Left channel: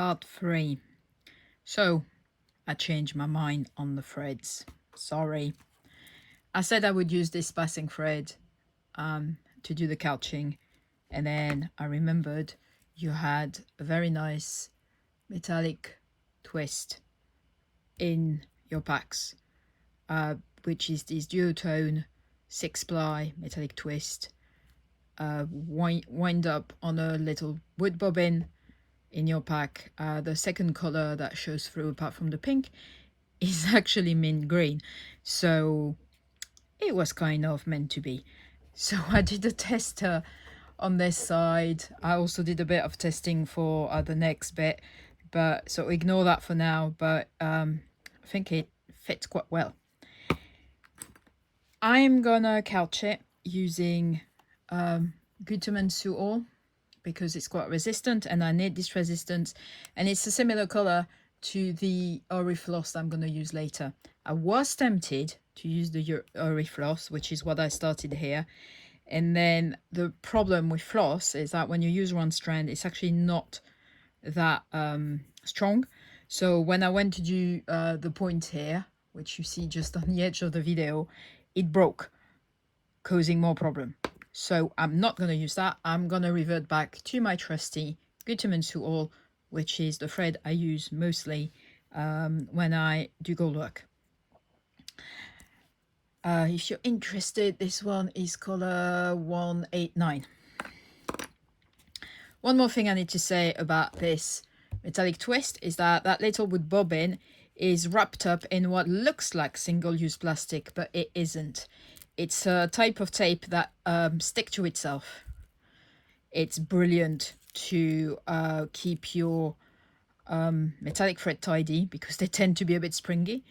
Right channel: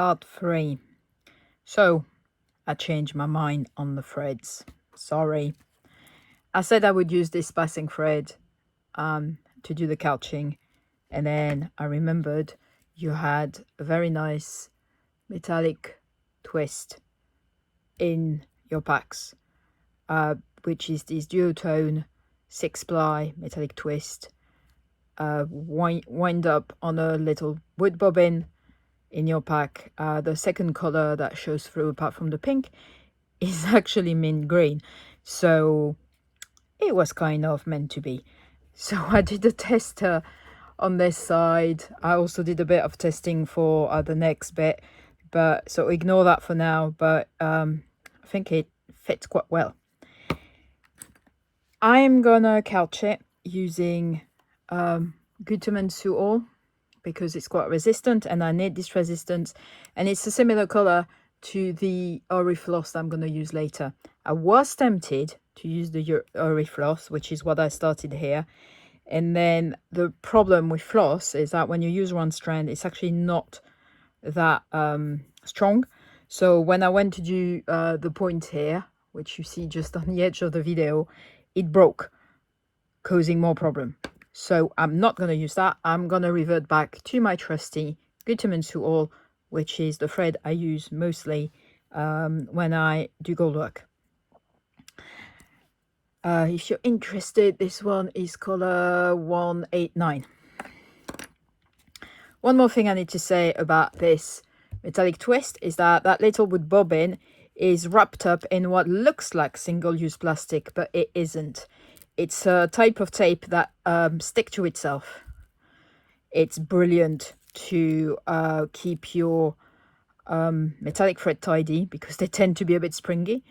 Part 3. So, I changed my mind on the threads. Sorry. I said I would use this passing thread to do the couching, and then I remembered you had a very nice metallic twist in your packs, which is this duotone 6-ply metallic twist, wind up on a little wood bobbin in your pack. The second color that shows through apart from the pink is actually mint green, so it was kind of meant to be. So I did a test on this side. I also did a bit of testing for the next bit, but so ignore that for now, but I think it fits quite well. I'm gonna couch it using Gutermann Suol because it's quite resistant and I need this resistance, and it's a similar color to the Orifloss that I'm going to use later. I was tempted to use the Orifloss, which is what I started here, and then the problem with floss is that when you use one strand, it's actually not that strong. So when I went to do the point here, which you see just on the edge of the video, it broke, causing more problem. So I'm not going to use that. I'm going to revert back to my trusty Gutermann Suol, which is the thread I use mostly when I do gold work. If you're interested, this one is color 189. One more thing I need to say about this metallic twist is that that little wood bobbin is wrapped up in what looks like single-use plastic, but it isn't. It's a type of tape that sticks to itself. It's brilliant to keep your metallic thread tidy because they tend to be a bit springy.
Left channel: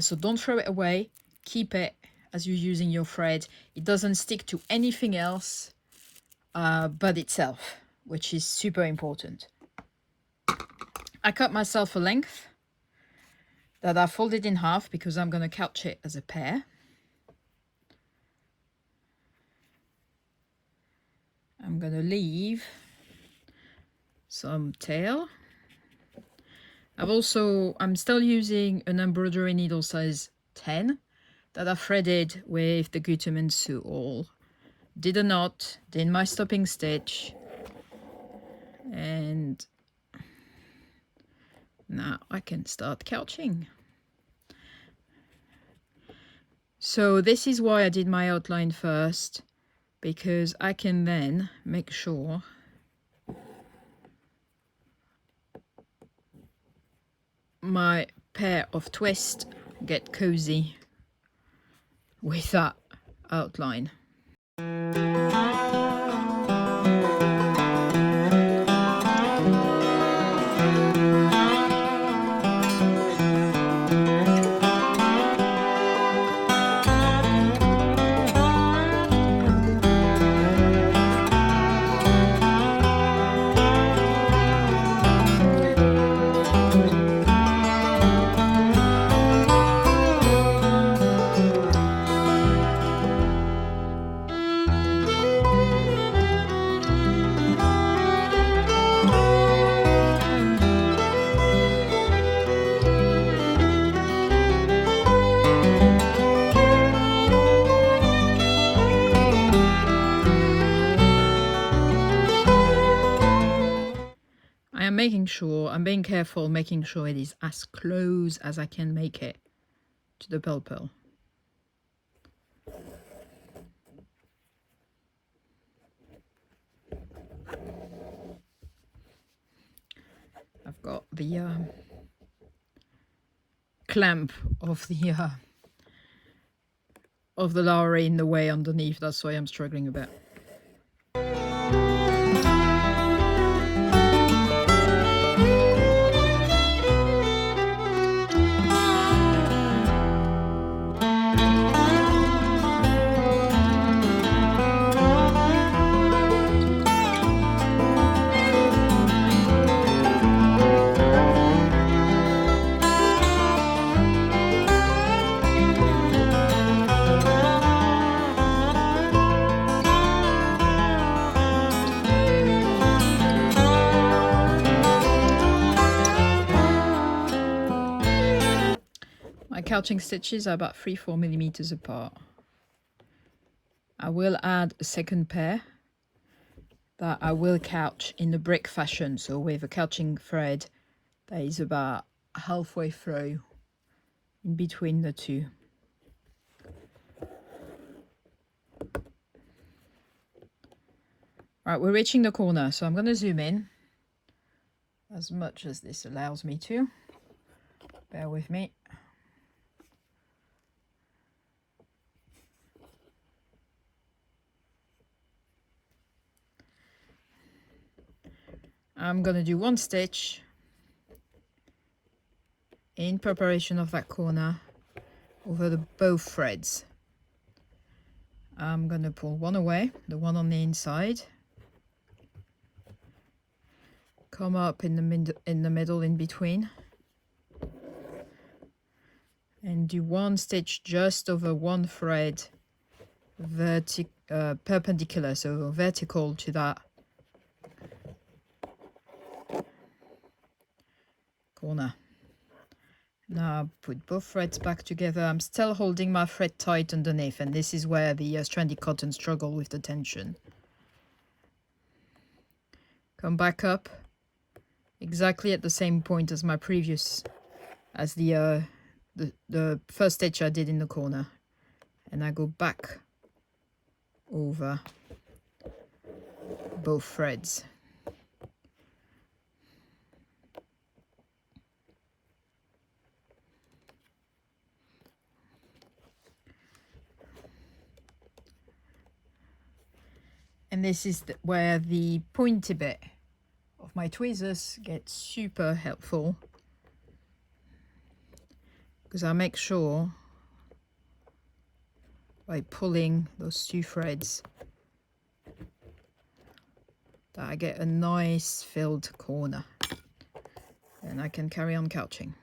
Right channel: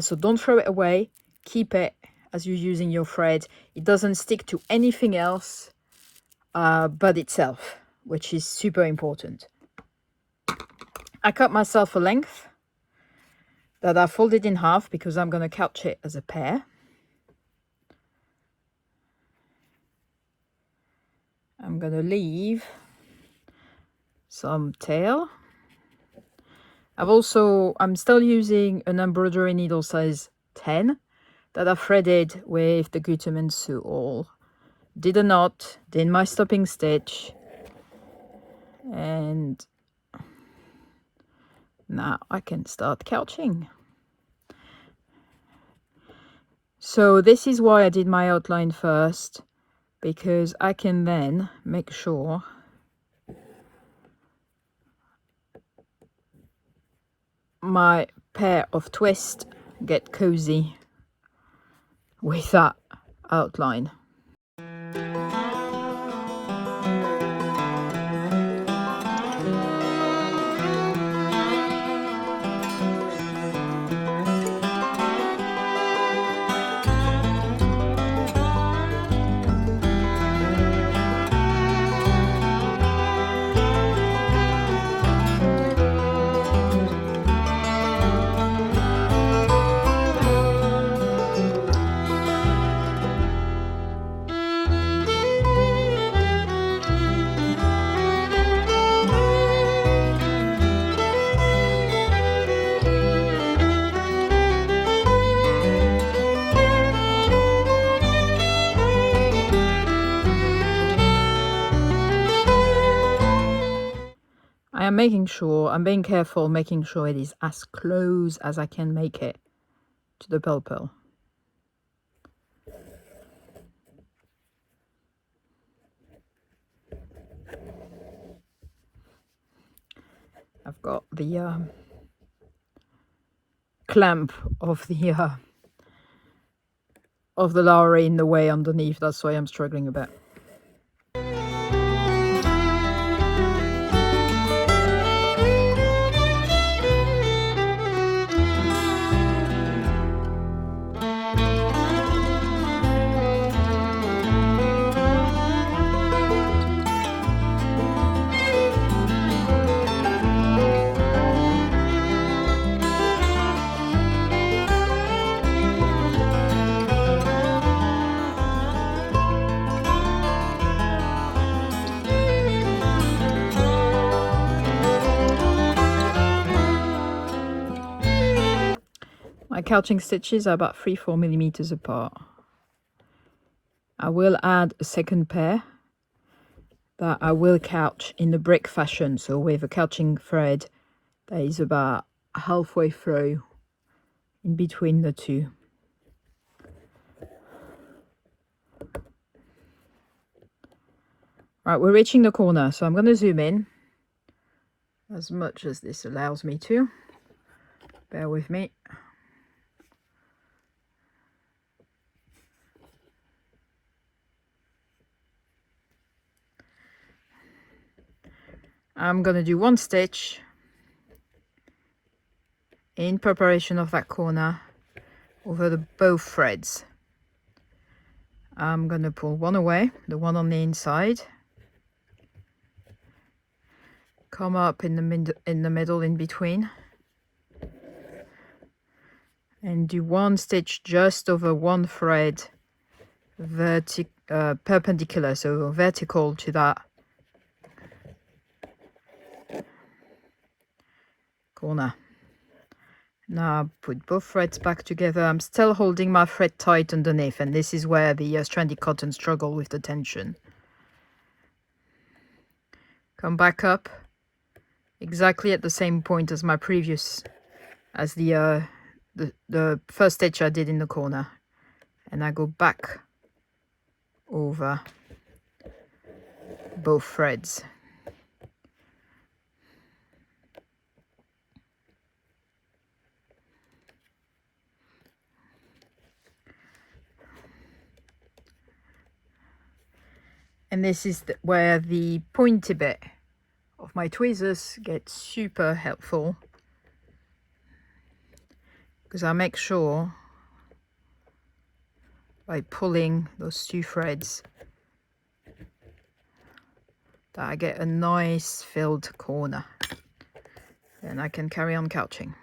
So don't throw it away. Keep it as you're using your thread. It doesn't stick to anything else but itself, which is super important. I cut myself a length that I folded in half because I'm going to couch it as a pair. I'm going to leave some tail. I'm still using an embroidery needle size 10 that I threaded with the Gutermann Suol. Did a knot, did my stopping stitch, and now I can start couching. So this is why I did my outline first, because I can then make sure my pair of twists get cozy with that outline. I'm being careful, making sure it is as close as I can make it to the purl. I've got the clamp of the Lowry in the way underneath. That's why I'm struggling a bit. couching stitches are about 3-4 millimeters apart. I will add a second pair that I will couch in the brick fashion, so with a couching thread that is about halfway through in between the two. Right, we're reaching the corner, so I'm going to zoom in as much as this allows me to. Bear with me. I'm going to do one stitch in preparation of that corner over the both threads. I'm going to pull one away, the one on the inside, come up in the middle in between, and do one stitch just over one thread perpendicular, so vertical to that corner. Now put both threads back together. I'm still holding my thread tight underneath, and this is where the stranded cotton struggle with the tension. Come back up exactly at the same point as my previous, as the first stitch I did in the corner, and I go back over both threads. And this is where the pointy bit of my tweezers gets super helpful, because I make sure by pulling those two threads that I get a nice filled corner, and I can carry on couching.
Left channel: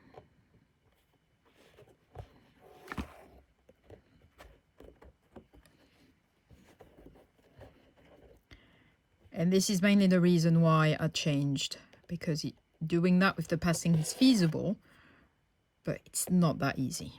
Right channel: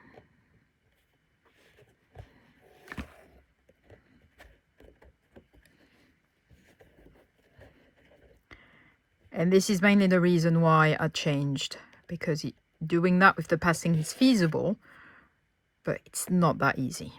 And this is mainly the reason why I changed, because doing that with the passing is feasible, but it's not that easy.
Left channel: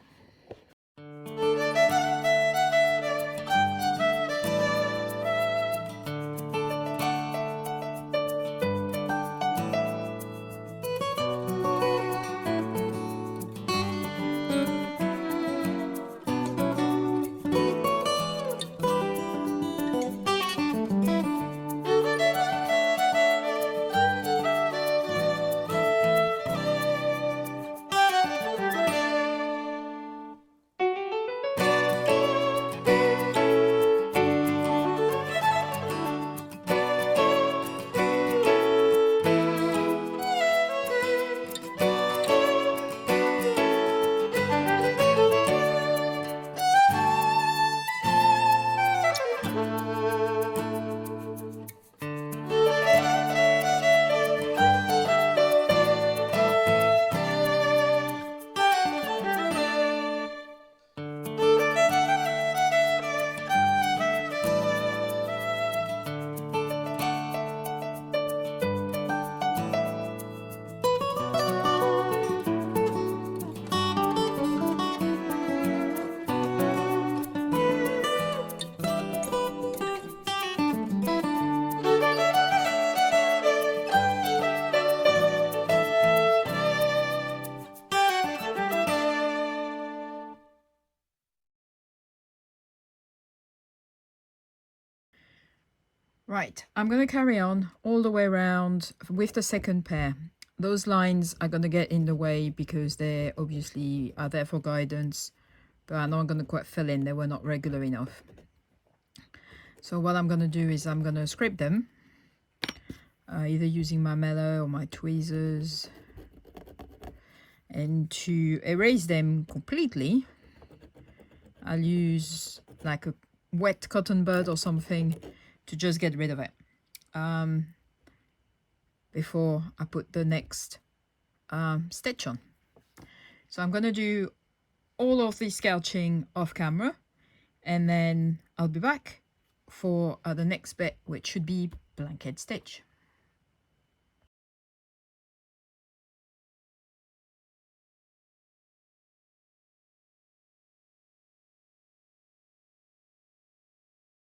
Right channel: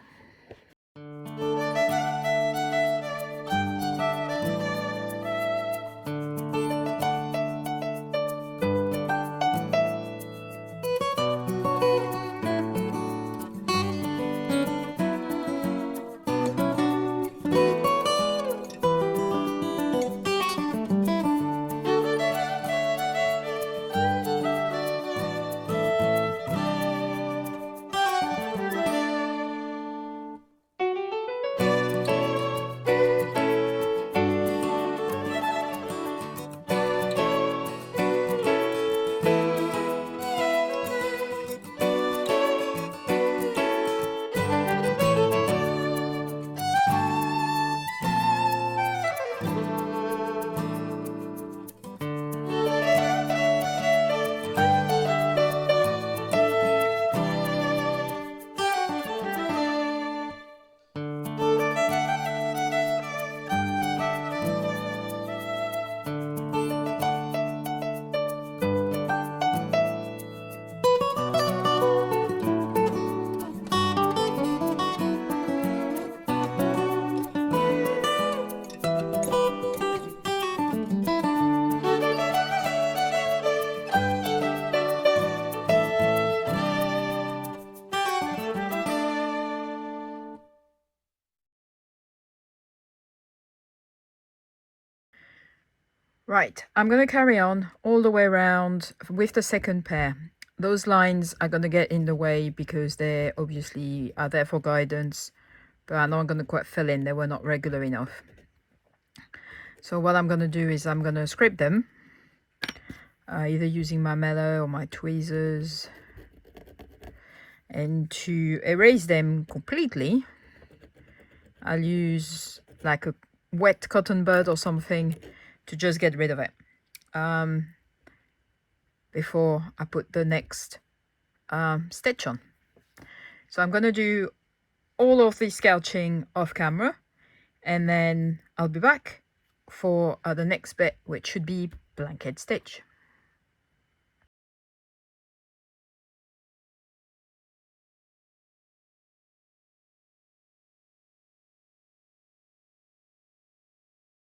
Right, I'm going to carry on all the way around with the second pair. Those lines are going to get in the way because they obviously are there for guidance, but I'm not going to quite fill in. They were not regular enough. So what I'm going to do is I'm going to scrape them, either using my mailer or my tweezers. And to erase them completely, I'll use like a wet cotton bud or something to just get rid of it before I put the next stitch on. So I'm going to do all of this couching off camera, and then I'll be back for the next bit, which should be blanket stitch.